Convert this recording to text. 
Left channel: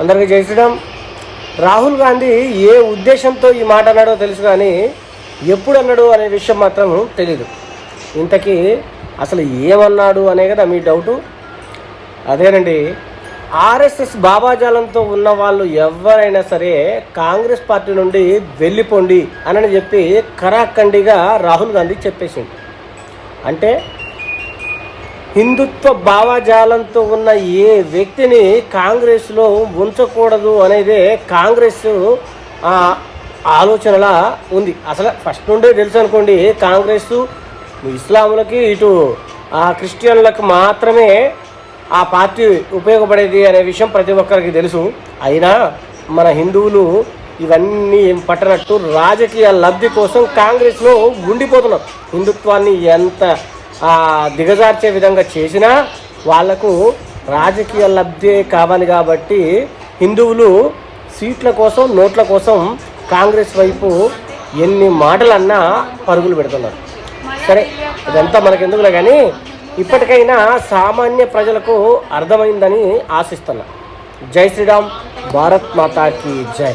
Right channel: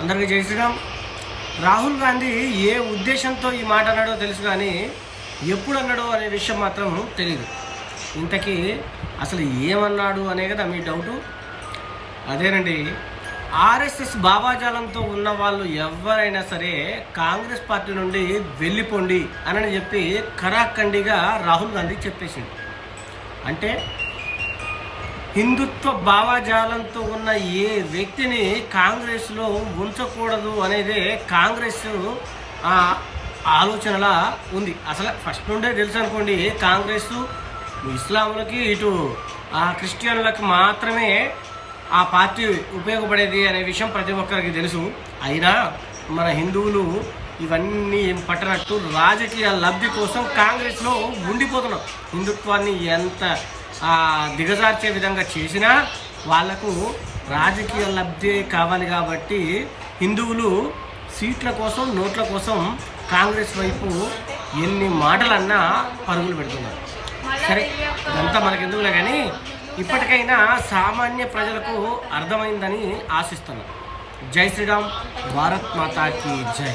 అందరికీ జై శ్రీరామ్. రాహుల్ గాంధీ ఏ ఉద్దేశంతో ఈ మాట అన్నాడో తెలుసు కానీ ఎప్పుడు అన్నాడు అనే విషయం మాత్రం తెలీదు. ఇంతకీ అసలు ఏమన్నాడు అనే కదా మీ డౌటు. అదేనండి ఆర్ఎస్ఎస్ బాబాజాలంతో ఉన్న వాళ్ళు ఎవరైనా సరే కాంగ్రెస్ పార్టీ నుండి వెళ్ళిపోండి అని చెప్పి కరాఖండిగా రాహుల్ గాంధీ చెప్పేసింది అంటే హిందుత్వ భావజాలంతో ఉన్న ఏ వ్యక్తిని కాంగ్రెస్లో ఉంచకూడదు అనేది కాంగ్రెస్ ఆలోచనలా ఉంది. అసలు ఫస్ట్ నుండే తెలుసు అనుకోండి కాంగ్రెస్ ఇస్లాములకి ఇటు ఆ క్రిస్టియన్లకు మాత్రమే ఆ పార్టీ ఉపయోగపడేది అనే విషయం ప్రతి ఒక్కరికి తెలుసు. అయినా మన హిందువులు ఇవన్నీ పట్టనట్టు రాజకీయ లబ్ధి కోసం కాంగ్రెస్లో ఉండిపోతున్నాం హిందుత్వాన్ని ఎంత దిగజార్చే విధంగా చేసినా వాళ్ళకు రాజకీయ లబ్ధి కావాలి కాబట్టి హిందువులు సీట్ల కోసం నోట్ల కోసం కాంగ్రెస్ వైపు ఎన్ని మాటలన్నా పరుగులు పెడుతున్నారు. సరే ఇదంతా మనకెందుకులే కానీ ఇప్పటికైనా సామాన్య ప్రజలకు అర్థమైందని ఆశిస్తున్నా. జై శ్రీరామ్ భారత్ మాతాకి జై.